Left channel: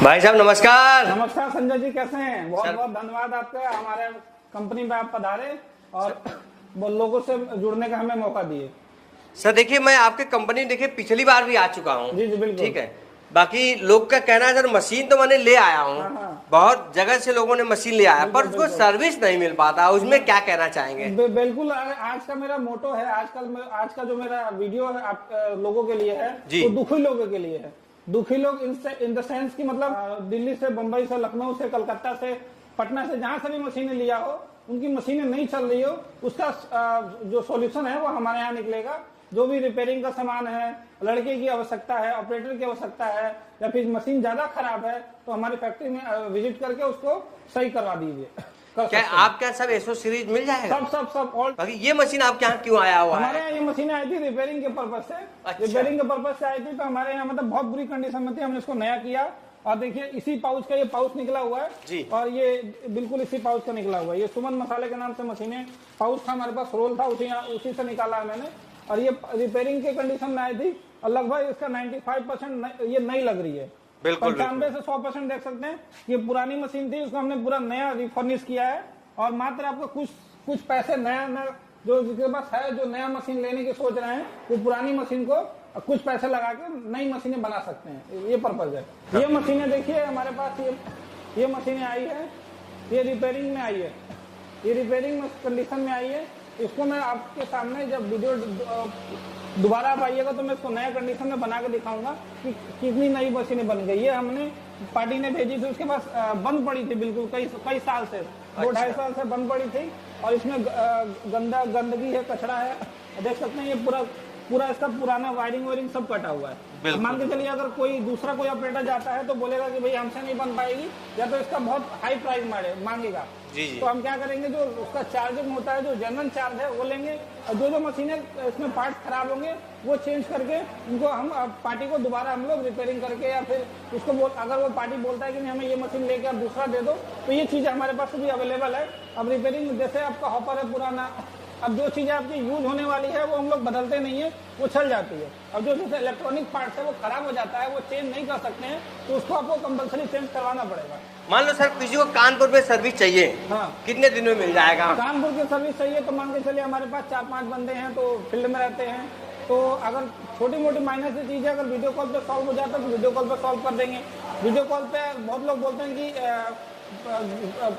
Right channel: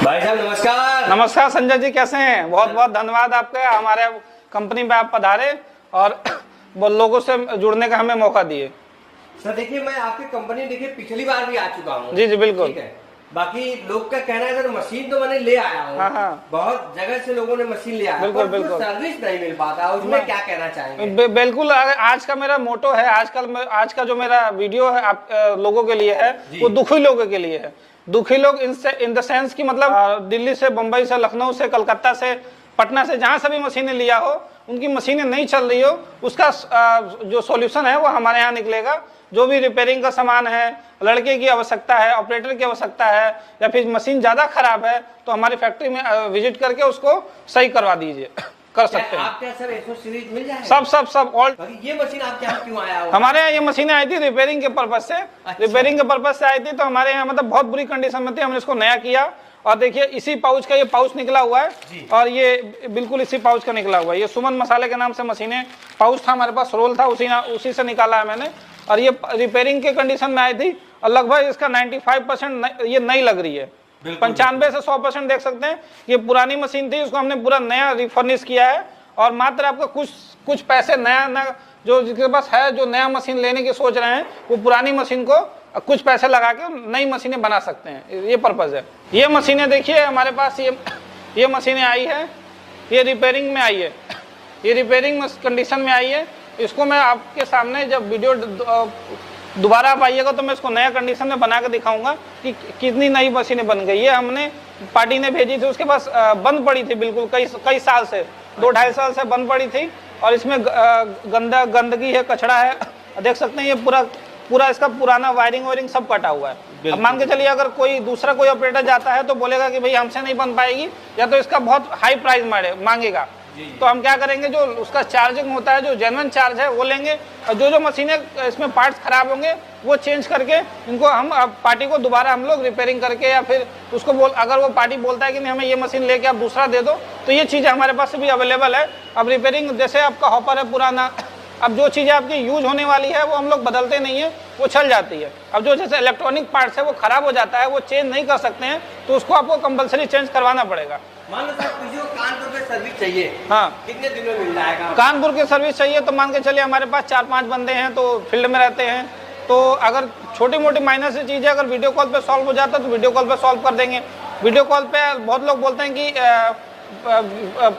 भाई साहब नमस्कार। नमस्कार संजय जी, कैसे हैं? बहुत बहुत धन्यवाद आपका, हमारे कंपनी में आप पधारे और लोगों से जुड़ने का हमें मौका दिए। सर देखिए, मैं आपके कंपनी देखिए पिछली बार भी आ चुका हूँ। जी जी बिल्कुल। ठीक है, बाकी लोग का कहना है सर मशीन तो मैंने ले आया हूँ। हाँ। बहुत जगह से लोगों ने मशीन ले आया पर उसको सर्विस नहीं मिल पाता, उसमें क्या कहना चाहेंगे? बिल्कुल, आज का मेरा मोटो है, आज का जो मेरा वीडियो है आप लोगों के लिए है, वो दुखी लोगों के लिए है। दुखी लोग इन द सेंस की मतलब दिल्ली से, बंबई से, लखनऊ से, कलकत्ता से, पटना से, जहां सभी मशीनें लिया हो, उनकी मशीनें नहीं चल रही हो, उसका जो सॉल्यूशन है वो हमारे यहाँ निकलेगा। जो भी रिपेयरिंग का सामान है, लड़के की आवश्यकता है, ऑपरेटर की आवश्यकता है, या फिर मशीन ज्यादा खराब है तो हमारी फैक्ट्री में विजिट करके उसको सही करवा दीजिए। कर सकते हैं आप क्या सर एसो सीरीज मिल जाएगा? सब ऑल। ये मशीन आपके यहाँ क्यों आया हो? हमारे यहाँ ये मशीनें आई थी रिपेयरिंग के पर्पज से। रिपेयरिंग के पर्पज से आई थी, तो हमारे यहाँ मतलब बहुत बुरी कंडीशन में थी, हमने इसको नया किया। और देखिए इसी पाउच का ये पाउच निकला हुआ है, और ये बिल्कुल इसी पाउच का निकला हुआ है। ये सुमन मसाले के नाम से मशीनें, पाउच था हमारे पास, रोल था, उसी से निकाला है मैंने। और ये रिपेयरिंग के कंडीशन में आई थी, और लगभग इसका 95% ये नई लग रही है। 95 से 100% देख सकते हैं। ये पुरानी मशीन थी, उसको हमने पूरा नया रिफर्निश किया है, और मात्र आपको कुछ पैसे नया जो जिसके पास है, जो नया मशीन लेने की सोच रहे हैं, वो पुरानी मशीन को कुछ पैसे लगा के नई मशीनें बना सकते हैं। ये पर्पज है। ये मशीनें देखिए हमारे पास, ये मशीनें आई है, ये रिपेयरिंग में आई है, ये रिपेयरिंग कंडीशन में आई है। इसको मैं आपके सामने जब वीडियो दोबारा आप आइएगा तो मैं इसको नया कंडीशन में बना के दिखाऊंगा कि कितनी नई मशीनें बन गई। ये हमने पार्टी ने भेजी थी, उसके पास बंद पड़ी थी बिल्कुल कई साल से, 2-2.5 साल से बंद पड़ी थी, और इसमें गंदगी है, कचरा है, देख सकते हैं। ये पूरा इसका पुराना वायरिंग सब कटा हुआ है। अब मान के चलिए अगर कोई ऑपरेटर जाता है तो बोलेगा कि भाई हमसे नहीं बन पाएगी, या तो इसका बहुत हाई प्राइस मांगेगा। तो हम क्या करेंगे, जो उसका चार्जिंग होता है, जो जेन्युइन चार्ज है वो लेंगे, और जो मशीनें इसमें पार्ट्स खराब होंगे वो चेंज करके इनको हम पार्टी को दोबारा हम लोग रिपेयरिंग करके, या फिर उसको अगर वो पार्टी बोलता है कि नहीं हमें ये मशीन लेके आप दूसरा दे दो, तो ये चीज़ें हमारे पास भी अवेलेबल है। अब रिपेयरिंग जैसे आपका हॉपर है पुराना, अब जो चीज़ें आपकी यूज होने वाली है वो हम लोग बदलते नहीं है, वो चल जाती है। अब जो जैसे इलेक्ट्रॉनिक पार्ट्स है वो खराब हो जाता है, वो चेंज नहीं कर सकते हैं, तो उसको आपको कंपलसरी चेंज करवाना पड़ेगा। मान लो सर किसी को कानपुर में सर्विस चाहिए, हाँ, कितने दिन में मिल जाएगा? कानपुर की सर्विस चाहिए तो मान के चलिए हमारे पास 4-5 बंदे हैं, तो फील्ड में रहते हैं। तो अगर छोटी मोटी माइनर से चीज़ें अगर वीडियो कॉल पे सॉल्व हो जाता है तो वीडियो कॉल पे सॉल्व कर देंगे। वीडियो कॉल पे बहुत लोग बोलते हैं कि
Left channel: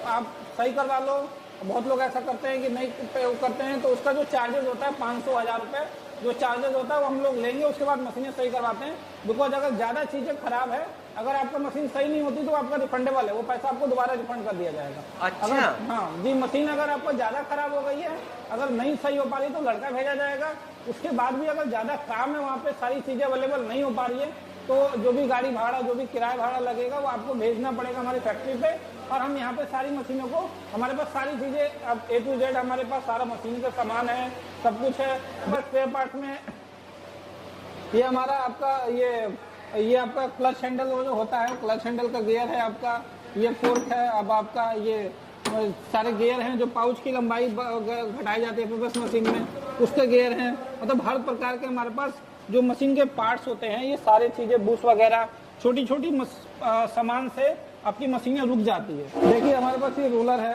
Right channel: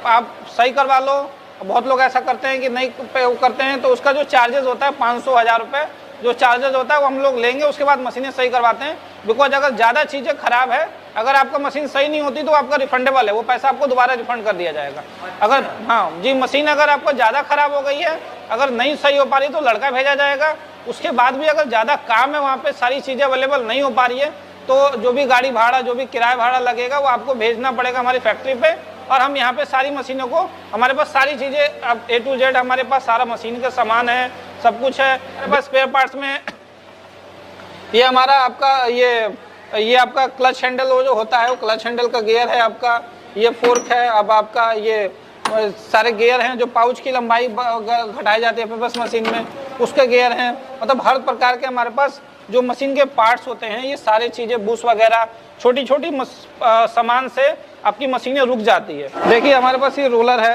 आप सही करवा लो, बहुत लोग ऐसा करते हैं कि नहीं पे करते हैं, तो उसका जो चार्जेस होता है 500-1000 रुपये जो चार्जेस होता है वो हम लोग लेंगे, उसके बाद मशीनें सही करवाते हैं। बिकॉज अगर ज़्यादा चीज़ें खराब है, अगर आपका मशीन सही नहीं होती तो आपका रिफंडेबल है, वो पैसा आपको दोबारा रिफंड कर दिया जाएगा। अच्छा। अगर हाँ जी, मशीन अगर आपको ज़्यादा खराब हो गई है, अगर नहीं सही हो पा रही तो लड़का भेजा जाएगा। उसके बाद भी अगर ज़्यादा काम है, वहाँ पे सारी चीज़ें अवेलेबल नहीं हो पा रही है, तो जो भी गाड़ी भाड़ा, जो भी किराया भाड़ा लगेगा वो आपको भेजना पड़ेगा हमारी फैक्ट्री पे। और हम यहाँ पे सारी मशीनों को, हमारे पास सारी चीज़ें अब A to Z हमारे पास सारा मशीन के सामान है, सब कुछ है हमारे पास। स्पेयर पार्ट्स में ये हमारा आपका ये आपका क्लच हैंडल जो होता है, वो क्लच हैंडल का गियर है आपका, ये फोर्क है। अब आपका ये सारे गियर हैं, जो पाउच की लंबाई घटाई जाती है बस मशीन में, उसके गियर हैं। मतलब हर प्रकार के हमारे पास जो मशीन के पार्ट्स होते हैं, ये सारी चीज़ें, बूस वगैरह, छोटी छोटी सामान से आपकी मशीनें रुक जाती है। देखिए हमारे पास ये रोलर है,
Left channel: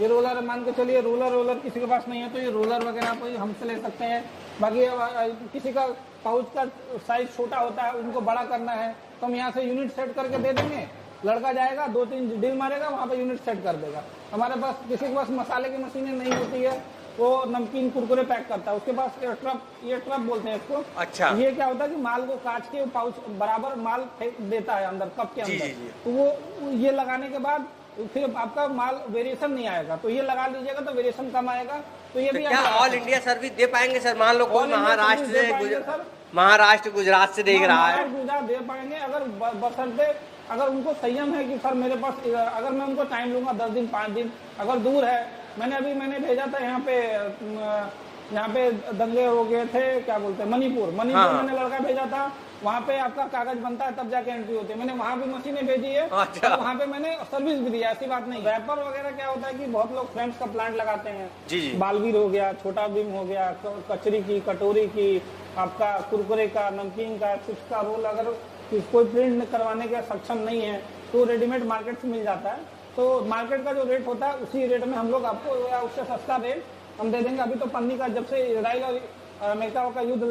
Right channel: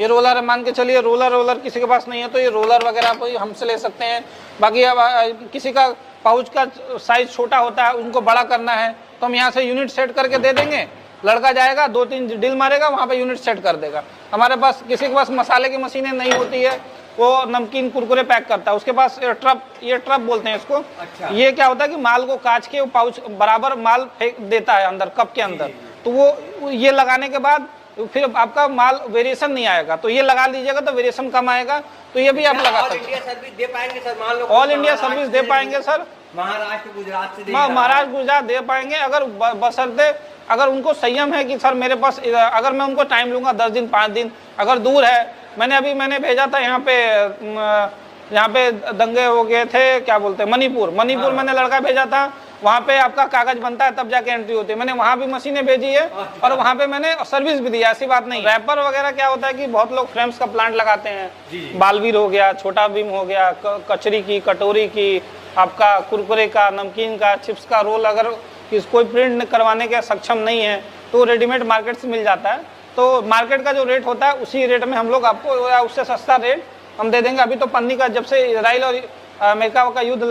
ये रोलर है, मान के चलिए रोलर किसी के पास नहीं है तो ये रोलर वगैरह आप हमसे ले सकते हैं। बाकी अब किसी का पाउच का साइज छोटा होता है, उनको बड़ा करना है तो हम यहाँ से यूनिट सेट करके दे देंगे। लड़का जाएगा, 2-3 ड्रिल मारेगा, वहाँ पे यूनिट सेट कर देगा। हमारे पास किसी के पास मसाले की मशीनें नहीं होती है, वो नमकीन कुरकुरे पैक करता है, उसके पास ये ट्रप बोलते हैं इसको। अच्छा। ये क्या होता है कि माल को काट के वो पाउच बराबर माल फेंक देता है अंदर कप के अंदर। तो वो ये लगाने के बाद फिर आपका माल वेरिएशन नहीं आएगा, तो ये लगा लीजिएगा तो वेरिएशन कम आएगा। तो ये भी आप लगा ऑल इंडिया सर्विस दे पाएंगे सर? मान लो ऑल इंडिया सर्विस दे पाएंगे सर, महाराष्ट्र गुजरात से देख रहा है। महाराष्ट्र गुजरात दे पाएंगे, अगर बशर्ते अगर उनको संयम है कि सर मेरे पास, अगर मैं उनको टाइम लूंगा 10 दिन 5 दिन, अगर दूर है। मैंने भेजा था यहाँ पे दंगे हो गए थे, क्या बोलते हैं, मणिपुर। हाँ। मैंने लड़का भेजा था, वहाँ पे आपका कागज बनता है तब जाके एंट्री होती है। मैंने वहाँ भी मशीनें भेजी है। अच्छा। और वहाँ पे मैंने सर्विस भी दी है, ऐसी बात नहीं। रैपर वगैरह क्या होता है कि बहुत लोग फ्रेम्स का प्लांट लगाते हैं। जी। बालवीर हो गया, छोटा बीम हो गया, कचरी की, कटोरी की, आपका कुरकुरे का, नमकीन का, चिप्स का रोल, अगर कि कोई प्रिंट करवाने के सक्षम नहीं है तो रेडीमेड मार्केट से मिल जाता है। तो मार्केट का जो रेट होता है उसी रेट में हम लोग आपको या उससे सस्ता रेट हम दे देंगे। अभी तो पन्नी का जब से इजराइल और अमेरिका का युद्ध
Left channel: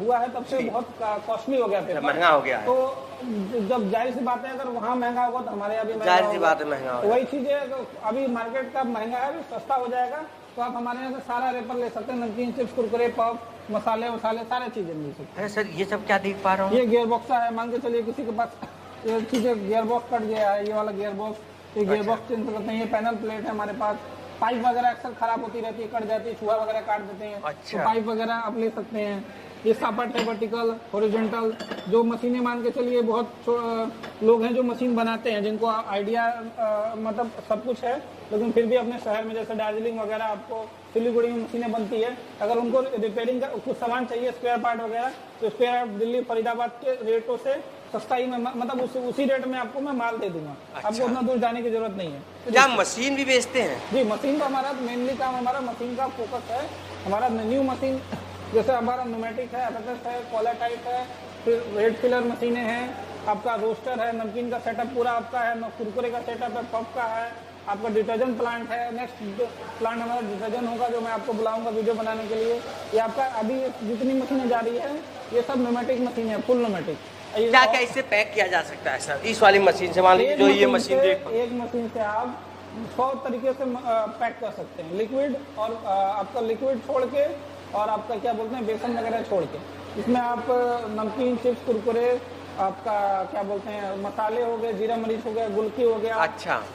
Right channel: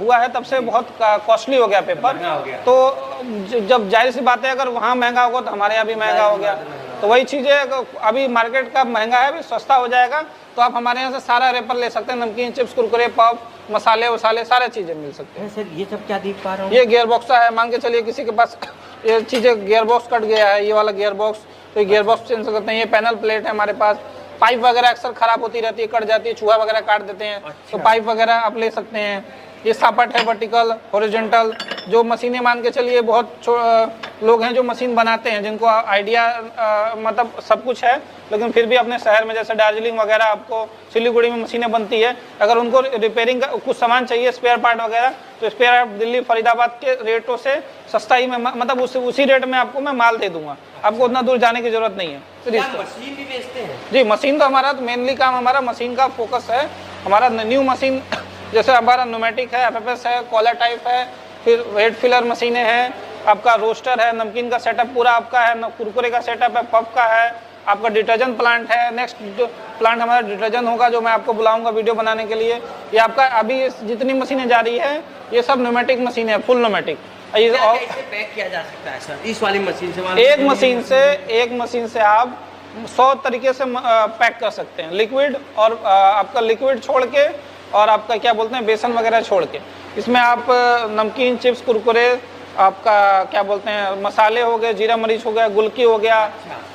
हुआ है तब से बहुत कॉस्टली हो गया पेपर, महंगा हो गया। तो जब जाहिर सी बात है अगर वहाँ महंगा होगा तो हमारे यहाँ भी महंगा होगा। तो वही चीज़ है, अभी मार्केट का महंगा है, अभी सस्ता हो जाएगा तो आप हमारे यहाँ से सारा रेपर ले सकते हैं। नमकीन, चिप्स, कुरकुरे, पॉप, मसाले वसाले सारे चीज़ें मिल सकते हैं। सर ये सब क्या देख पा रहा हूँ? ये गियर बॉक्स है, मान के चलिए किसी के पास ये चीज़ें गियर बॉक्स कट गया है, ये वाला गियर बॉक्स, तो गियर बॉक्स चेंज करते हैं। ये पैनल प्लेट है हमारे पास। पाइप वगैरह अक्सर खराब होती रहती है, कट जाती है, चूहा वगैरह काट देते हैं, तो पाइप वगैरह आप ले सकते हैं। ये सापट है, वर्टिकल, हॉरिजॉन्टल, जो मशीनें मान के चलिए बहुत लोग हैं जो मशीन बनाते हैं जिनको आइडिया मतलब सब कुछ है, लेकिन फिर भी अपने शहर में जैसे दार्जिलिंग वगैरह आपको सिलीगुड़ी में मशीनें बनती है, अगर उनको रिपेयरिंग का कुछ सामान चाहिए, स्पेयर पार्ट वगैरह, तो स्पेयर पार्ट दिल्ली फरीदाबाद के रेटों से सस्ता ही में मतलब उसी रेट में आपको मैं माल दे दूंगा। आपको उतना दूर जाने की जरूरत नहीं है। क्या मशीन भी बेचते हैं? जी, मशीन तो हमारा मेनली काम हमारा मशीन का फोकस है। हमारा न्यू मशीन जैसे हमारा न्यूमेटिक है, एफएफएस है, कॉलर टाइप है, फिर वेट फिलर मशीनें हैं, आपका रोस्टर है, नमकीन का सेटअप पूरा आपका है, कुरकुरे का सेटअप है, पफ का है, आपका डिटर्जेंट प्लांट है। नेक्स्ट जो प्लांट हमारा डिटर्जेंट होगा जो मैं आपको बुलाऊंगा वीडियो बनाने के लिए। ये आपका अभी जितनी मशीनें जा रही है ये सब न्यूमेटिक मशीन है, फुल न्यूमेटिक। क्या इसे पैक किया जा सकता है सर इस वाली मशीन से? एक मशीन से आप 100 तरीके से पैक कर सकते हैं, लिक्विड और आपका लिक्विड छोड़ के और आपका क्या बोलते हैं बेसन वगैरह छोड़ के। इसमें आप नमकीन, चिप्स, कुरकुरे, आपका क्या बोलते हैं मसाले हो गए, जीरा मरीच हो गया, गुलकी हो गया,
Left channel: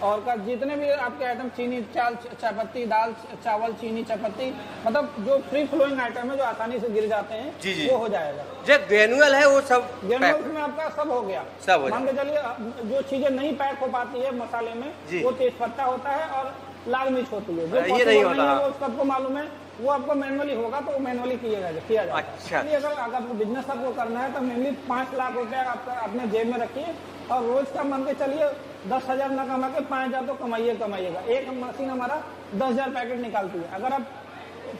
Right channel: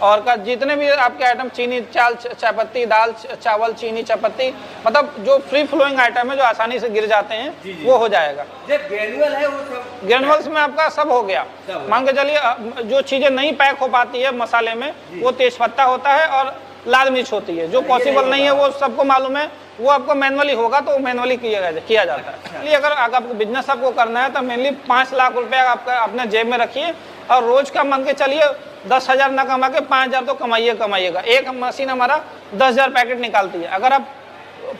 और का जितने भी आपके आइटम, चीनी, चायपत्ती, दाल, चावल, चीनी, चायपत्ती, मतलब जो फ्री फ्लोइंग आइटम है जो आसानी से गिर जाते हैं वो हो जाएगा। जो ग्रेनुअल है वो सब ग्रेनुअल्स में आपका सब हो गया। मान के चलिए जो चीजें नहीं पैक हो पाती है मसाले में वो तेज पत्ता होता है और लाल मिर्च होती है, जो पॉसिबल नहीं है वो सबको मालूम है, वो आपको मैनुअली होगा तो मैनुअली किया जाता है। इसलिए अगर आपको बिजनेस आपको करना है तो मेनली 5 लाख रुपया आपका अपने जेब में रखिए और रोज का मान के चलिए 10,000 ना कमा के 5,000 तो कमाइएगा। एक मशीन हमारा 10,000 पैकेट निकालती है। अगर आप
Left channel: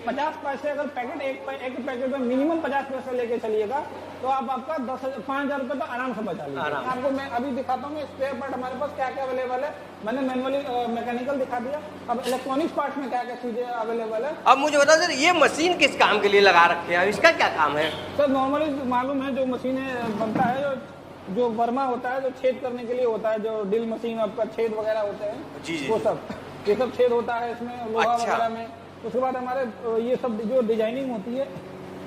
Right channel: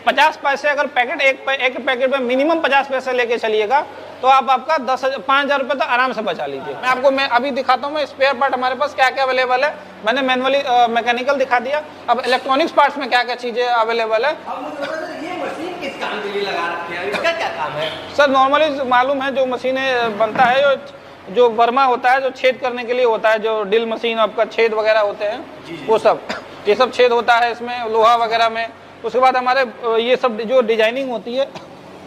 50 पैसे अगर पैकेट एक पैकेट में मिनिमम 50 पैसे लेके चलिएगा तो आप आपका 5,000 रुपये तो आराम से बचा लीजिए। मैं अभी दिखाता हूँ मैं स्पेयर पार्ट हमारे पास क्या क्या अवेलेबल है। मैंने मैनुअली मैकेनिकल दिखा दिया, अब इलेक्ट्रॉनिक्स पार्ट्स में क्या क्या चीज़ें अवेलेबल है। अब मुझे बता सर ये मशीन किस काम के लिए लगा रखते हैं, इसका क्या काम है? सर नॉर्मली मालूम है जो मशीनें बनता है जो बर्मा होता है जो छेद करने के लिए होता है, जो ड्रिल मशीन आपका छेद वगैरह होते हैं वो सब ये सब छेद होता है इसमें लोहा वगैरह में। उसके बाद हमारे ये सब जो डिजाइनिंग होती है,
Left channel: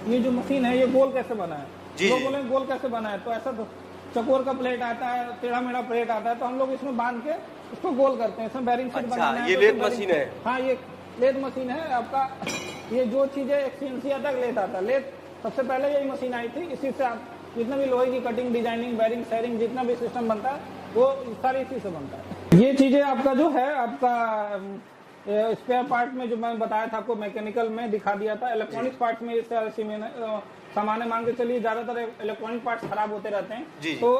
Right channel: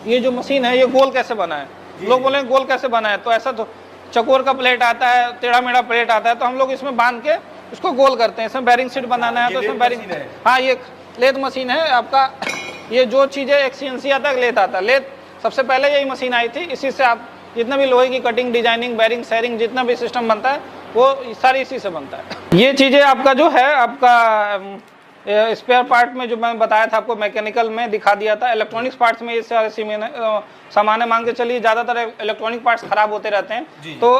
ये जो मशीन है ये गोल कैसे बना है, लोग बोले गोल कैसे बना है, तो ऐसा तो चकोर का प्लेट आता है, टेढ़ा मेढ़ा प्लेट आता है, तो हम लोग इसमें बांध के उसको गोल करते हैं। इसमें बैरिंग सीट बनाना है तो इसमें बैरिंग, हाँ ये लेथ मशीन है आपका। ये जो चीज़ें एक CNC आता है लेथ आता है, लेथ सबसे पहले यही मशीन आई थी, इसी से आप जितना भी लोहे की कटिंग, डिजाइनिंग, बैरिंग, सैरिंग जितना भी सिस्टम बनता है वो सारी इसी से बनता है। ये चीज़ें आपका जो है आपका स्पेयर पार्ट में जो मैंने बताया था आपको मैकेनिकल में दिखा दिया था। इलेक्ट्रॉनिक्स पार्ट्स में ये सारे सामान मांग के चलिए, ज़्यादातर इलेक्ट्रॉनिक पार्ट्स खराब होते रहते हैं तो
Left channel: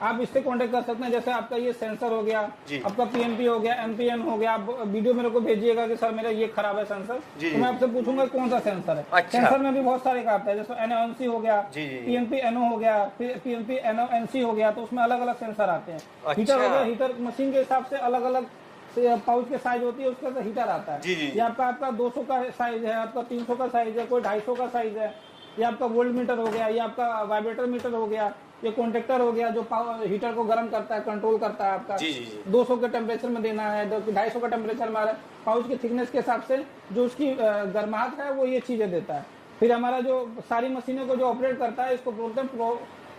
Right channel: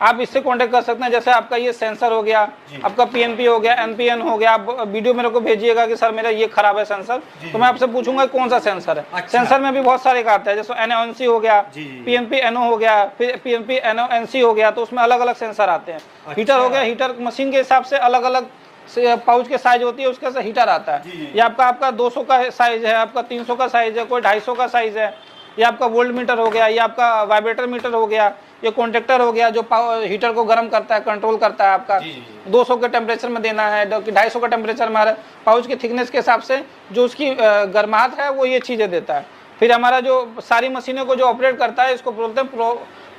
आप इससे कांटेक्ट कर सकते हैं। जैसे आपका ये सेंसर हो गया, आपका PNP हो गया, NPN हो गया, आप वीडियो मेरे को भेजिएगा कि सर मेरा ये खराब है सेंसर, तो मैं आपसे पूछूंगा कौन सा सेंसर है। सेंसर में भी बहुत सारे का आता है, जैसे NONC हो गया, PNP NO हो गया, फिर PNP NONC हो गया, तो उसमें अलग अलग सेंसर आते हैं। हीटर हो गया, हीटर मशीन के हिसाब से अलग अलग पाउच के साइज होती है, उसके से हीटर आता है। ये आपका 200 का साइज है, आपका 300 का साइज है, कोई 250 का साइज है। ये आपका वोल्ट मीटर हो गया, ये आपका वाइब्रेटर मीटर हो गया, ये कॉन्टेक्टर हो गया जो हीटर को गर्म करता है, कंट्रोल करता है। आपका 200 के टेम्परेचर में देना है, 250 का टेम्परेचर हमारा पाउच के थिकनेस के हिसाब से जो उसकी गर्माहट है वो ये चीज़ें देता है। फिर हमारा जो सारी मशीनों को जो ऑपरेट करता है इसको बोलते हैं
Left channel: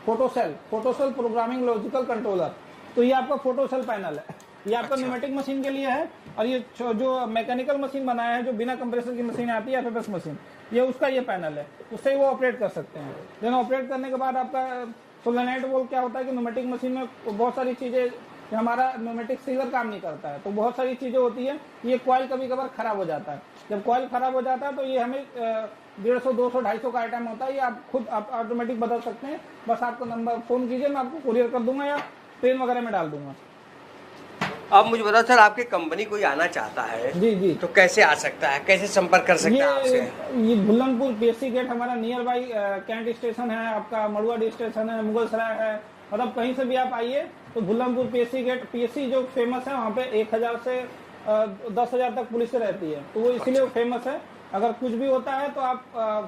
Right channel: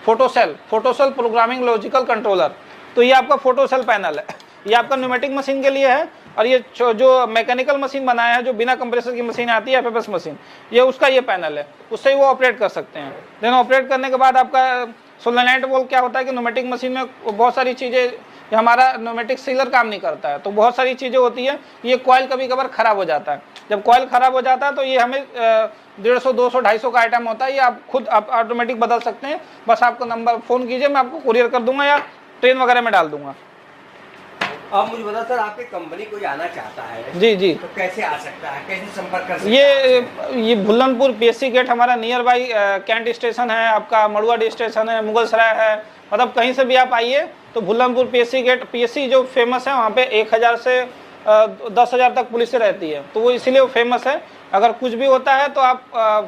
फोटोसेल प्रोग्रामिंग लॉजिकल कंट्रोलर। तो ये आपका फोटोसेल पैनल है, ये आपका न्यूमेटिक मशीन के लिए है। और ये जो मैकेनिकल मशीन बनाया है जो बिना कंप्रेसर की मशीन आती है FFS मशीन, ये उसका ये पैनल है, उससे ही वो ऑपरेट कर सकते हैं। देन ऑपरेट करने के बाद आपका सोलेनाइट बोल क्या होता है कि न्यूमेटिक मशीन में बहुत सारी चीज़ें, हमारा न्यूमेटिक सीलर काम नहीं करता है तो बहुत सारी चीज़ें होती है। ये कॉइल कभी कभार ख़राब हो जाता है, जब कॉइल ख़राब हो जाता है तो ये हमें 150, 200, 250 का आइटम होता है, ये आप खुद आप ऑटोमेटिक बदल सकते हैं। बस आपको नंबर फ़ोन कीजिए, मैं आपको कुरियर कर दूंगा या ट्रेन वगैरह में डाल दूंगा। अब मुझे बताओ सर, आपकी कंपनी कोई आना चाहता है जी तो कैसे आ सकता है, कैसे संपर्क कर सकता है? ये भुल्लनपुर PSC गेट हमारा नियर बाई कैंट स्टेशन है, आपका मड़ुआ स्टेशन है, मुगलसराय है, मतलब कहीं से भी आप आइए तो भुल्लनपुर पीएससी गेट, पीएससी जो फेमस है वहाँ पे 1000 से 10,000 तक पुलिस रहती है, तो वो इसीलिए वो फेमस है। अगर कुछ भी होता है तो आप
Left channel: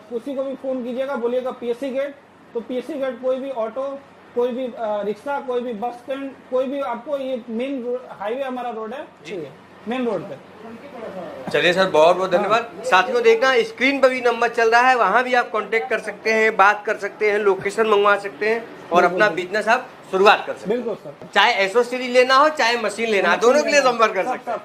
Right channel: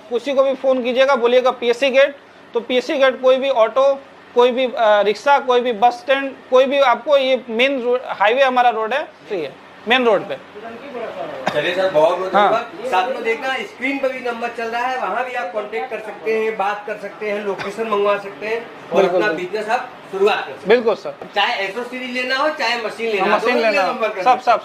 किसी को भी फ़ोन कीजिएगा, बोलिएगा पीएससी गेट, तो पीएससी गेट कोई भी ऑटो, कोई भी रिक्शा, कोई भी बस स्टैंड, कोई भी आपको, ये मेन हाईवे हमारा रोड है, चाहिए मेन रोड पे। चलिए सर, बहुत बहुत धन्यवाद। साथियों देखना, स्क्रीन पर भी नंबर चल रहा है, वहाँ भी आप कांटेक्ट कर सकते हैं, बात कर सकते हैं, लोकेशन मंगवा सकते हैं और अपना बिजनेस आप शुरुआत कर सकते हैं। बिल्कुल सर, चाहे एसोसीडी लेना हो, चाहे मशीन लेना हो, दोनों के लिए संपर्क कर सकते हैं। सब